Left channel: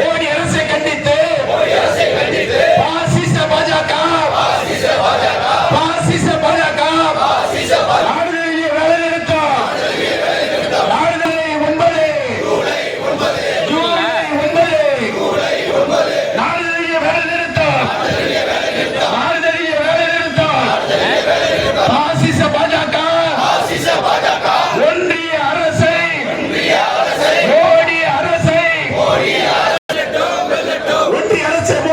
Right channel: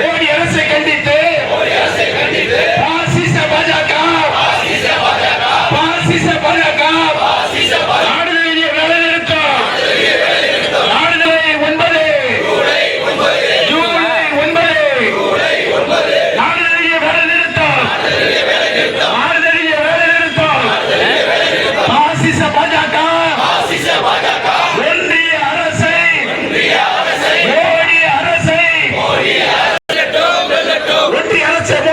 மோடி அரசை கண்டித்து பாசிச பாஜக பாசிச பாஜக gotta take